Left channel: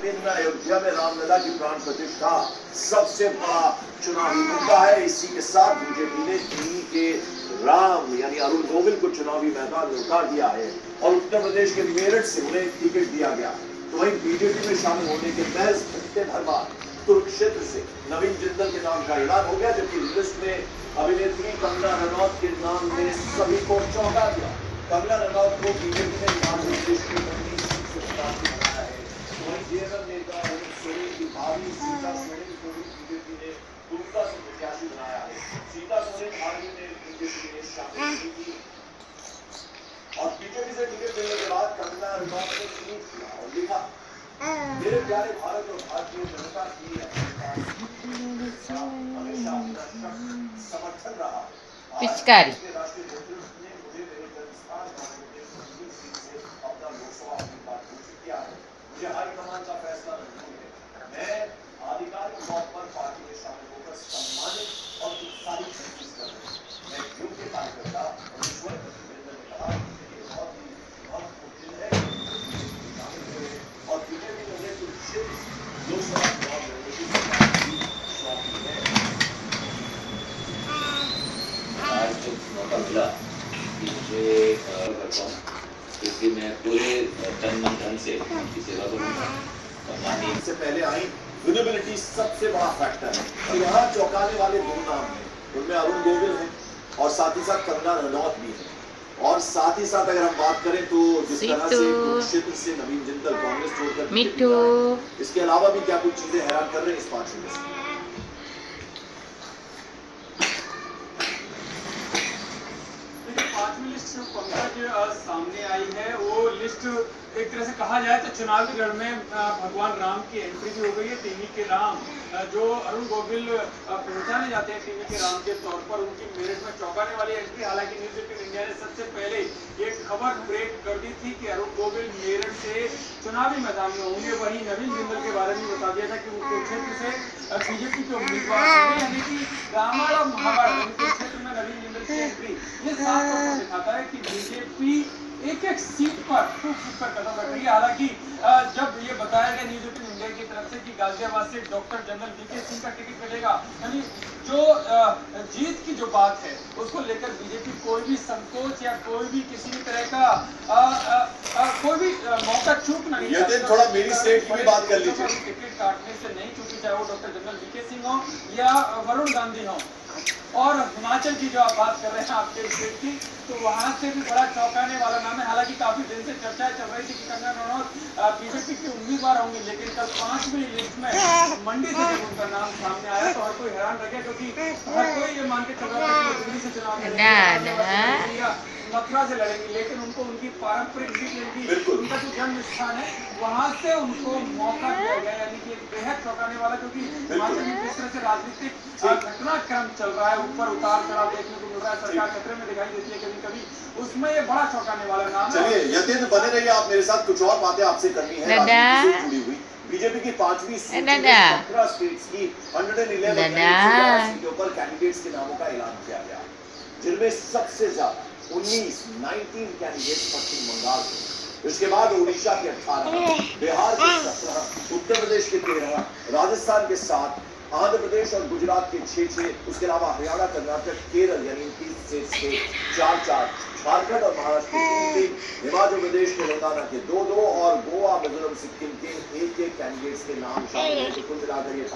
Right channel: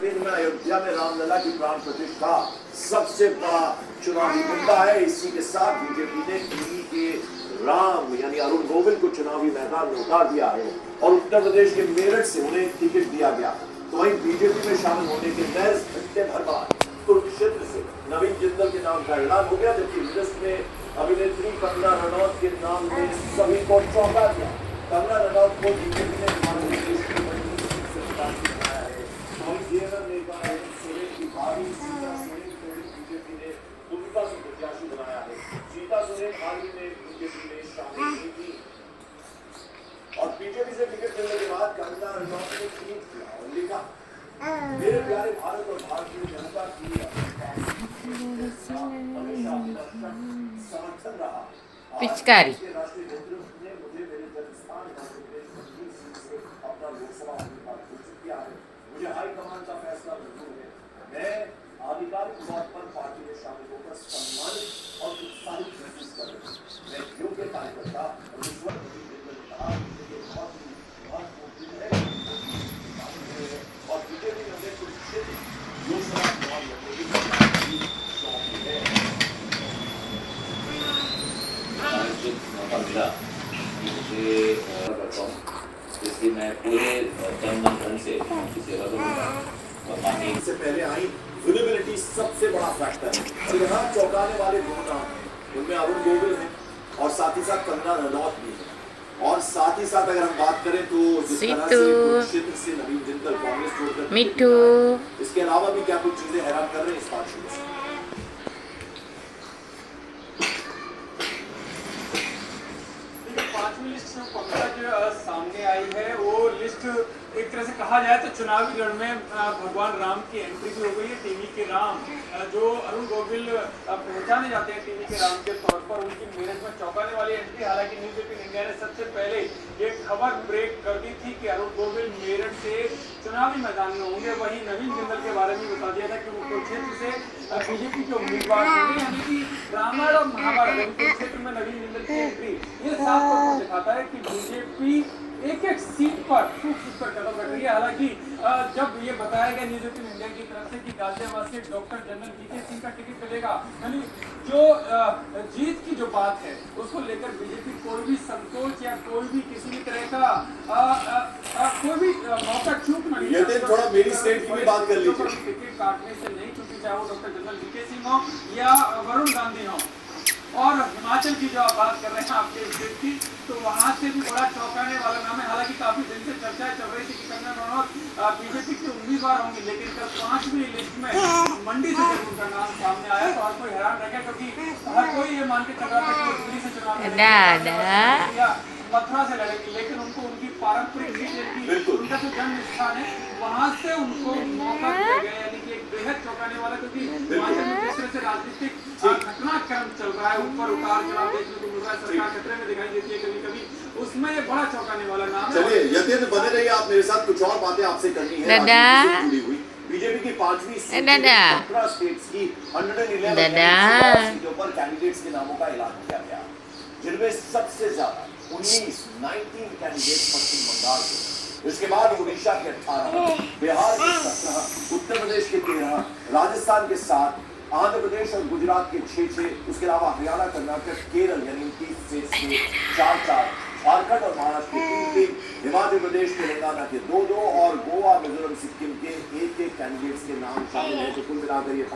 कश्मीर में अयोध्या में रामलला की प्राण प्रतिष्ठा सबसे बड़ा चुनावी मुद्दा है। इसी के साथ बीजेपी ने दिल्ली के राम यानी अरुण गोविल को चुनावी मैदान में उतार दिया है और उत्तर प्रदेश के मेरठ से उन्हें टिकट दिया गया। तो वहीं बीजेपी में शामिल होने के महज घंटे भर बाद कुरुक्षेत्र से नवीन जिंदल के नाम का ऐलान हो गया, जबकि लिस्ट में अभिनेत्री कंगना रनौत के नाम ने सभी को चौंका दिया। कंगना रनौत को बीजेपी ने नेता सोरेन की भाभी सीता सोरेन को भी बीजेपी ने दुमका से प्रत्याशी बनाया है। सीता सोरेन हाल ही में बीजेपी ने शामिल की थी और बीजेपी से टिकट मिलने के बाद कंगना रनौत ने ट्वीट किया और लिखा, मेरे प्यारे भारत और भारतीय जनता की हमेशा समर्थन रहा। पिचकारी मुझे हाईकमान का फैसला मंजूर है। मैं आधिकारिक तौर पर पार्टी में शामिल होकर सम्मानित और उत्साहित महसूस कर रहा हूँ। मैं योग्य कार्यकर्ता और ईश्वर बहुत महत्वपूर्ण है और बीजेपी में मुझे कुरुक्षेत्र लोकसभा चुनाव लड़ने की सौंपी है। आज मौका मिला मुझे करता हूँ, इसलिए मैं पूरे तन धन से उनकी सेवा करूँगा। इससे पहले आई विजिबिलिटी सबसे बड़ा फैक्टर है। तो यहाँ चौंकाने वाले दो नाम हैं, उनमें अरुण गोविल हैं और साथ ही साथ कंगना रनौत भी है। और साथ ही साथ अगर हम बात करें तो जिस तरह से कुरुक्षेत्र से नवीन जिंदल कांग्रेस छोड़कर मिट्टू, इसके अलावा भी क्या कुछ चीजें हैरान कर रहे हैं इस बात में। पांचवी लिस्ट पंकजा जो सामने आई है वो लिस्ट एक तरह से कहा जाए तो चुनावी रण में भगवान राम की एंट्री भी हो गई है। टीवी के राम जो अरुण गोविल पहचाने जाते हैं टीवी के राम के तौर पर, उनकी मेरठ में चौंकाने वाली एंट्री। हालांकि न्यूज 18 इंडिया ने सबसे पहले ये खबर ब्रेक कर दी थी कि अरुण गोविल मेरठ से चुनावी मैदान में होंगे। वहीं नवीन जिंदल के बारे में बता दिया था कि वो कुरुक्षेत्र से बीजेपी के उम्मीदवार होंगे। यानी कि रामायण और महाभारत कुरुक्षेत्र में नवीन जिंदल की एंट्री ये साफ तौर पर दिखाता है कि बीजेपी एक एक सीट पर कदम रख रही है। हालांकि जब ये बताया गया न्यूज 18 इंडिया की तरफ से कि गाजियाबाद से डॉक्टर जनरल वीके सिंह का टिकट मिलेगा, यानी जो जीत की जो बात है उसको लेकर बीजेपी कोई भी संकोच या कोई भी किसी भी तरह का कोई भी मौका चूक नहीं ये थोड़ा मेरी स्टेट की भी बात कर लीजिए। टिकट काटने से नहीं, क्योंकि चाहे वो डॉक्टर जनरल वीके सिंह हो या वरुण गांधी हो। और हिमाचल की जो आप बात कर रहे हैं आपके स्टेट की, तो वहाँ से भी बड़ा चौंकाने वाला नाम है। हालांकि काफी दिन से चर्चा चल रही थी कि कंगना रनौत बीजेपी के उम्मीदवार होंगे, लेकिन कल 5वीं लिस्ट में मंडी से उनका नाम सामने आया तो हर कोई हैरान रह गया, क्योंकि हर कोई ये मान के चल रहा था कि दिल्ली से चुनाव या मथुरा से लड़ेंगी, लेकिन उनको उनकी पारंपरिक सीट, उनका जो जन्म स्थान है वहाँ से उनको मौका दिया गया। यानी कि एक बेहद चौंकाने वाला, क्योंकि हिमाचल में जिस तरह से राजनीतिक घटनाक्रम चल रहा है, ऊपर उतार चढ़ाव देखने को मिल रहा है, सरकार खतरे में दिखाई देती है कभी कभी, उसमें ये बड़ा चौंकाने वाला नाम है। चलिए यतीन्द्र बने रहिए, आप मेरे साथ कुछ और बातें आपसे करनी है। बीजेपी की 5वीं स्टेट्स की 111 सीटों पर कैंडिडेट्स के नामों का ऐलान किया गया, जिनमें सबसे ज्यादा 19 कैंडिडेट पश्चिम बंगाल के, इसके बाद उड़ीसा के 18, बिहार के 17, उत्तर प्रदेश के 13, राजस्थान के 7, आंध्र प्रदेश और गुजरात के 6, उसके अलावा हरियाणा, कर्नाटक, केरल यानी 30 स्टेट्स के 4, झारखंड और महाराष्ट्र के 3, हिमाचल प्रदेश, तेलंगाना के 2 और गोवा, मिजोरम, सिक्किम के 1 कैंडिडेट्स के नाम शामिल हैं। तो कुल मिलाकर ये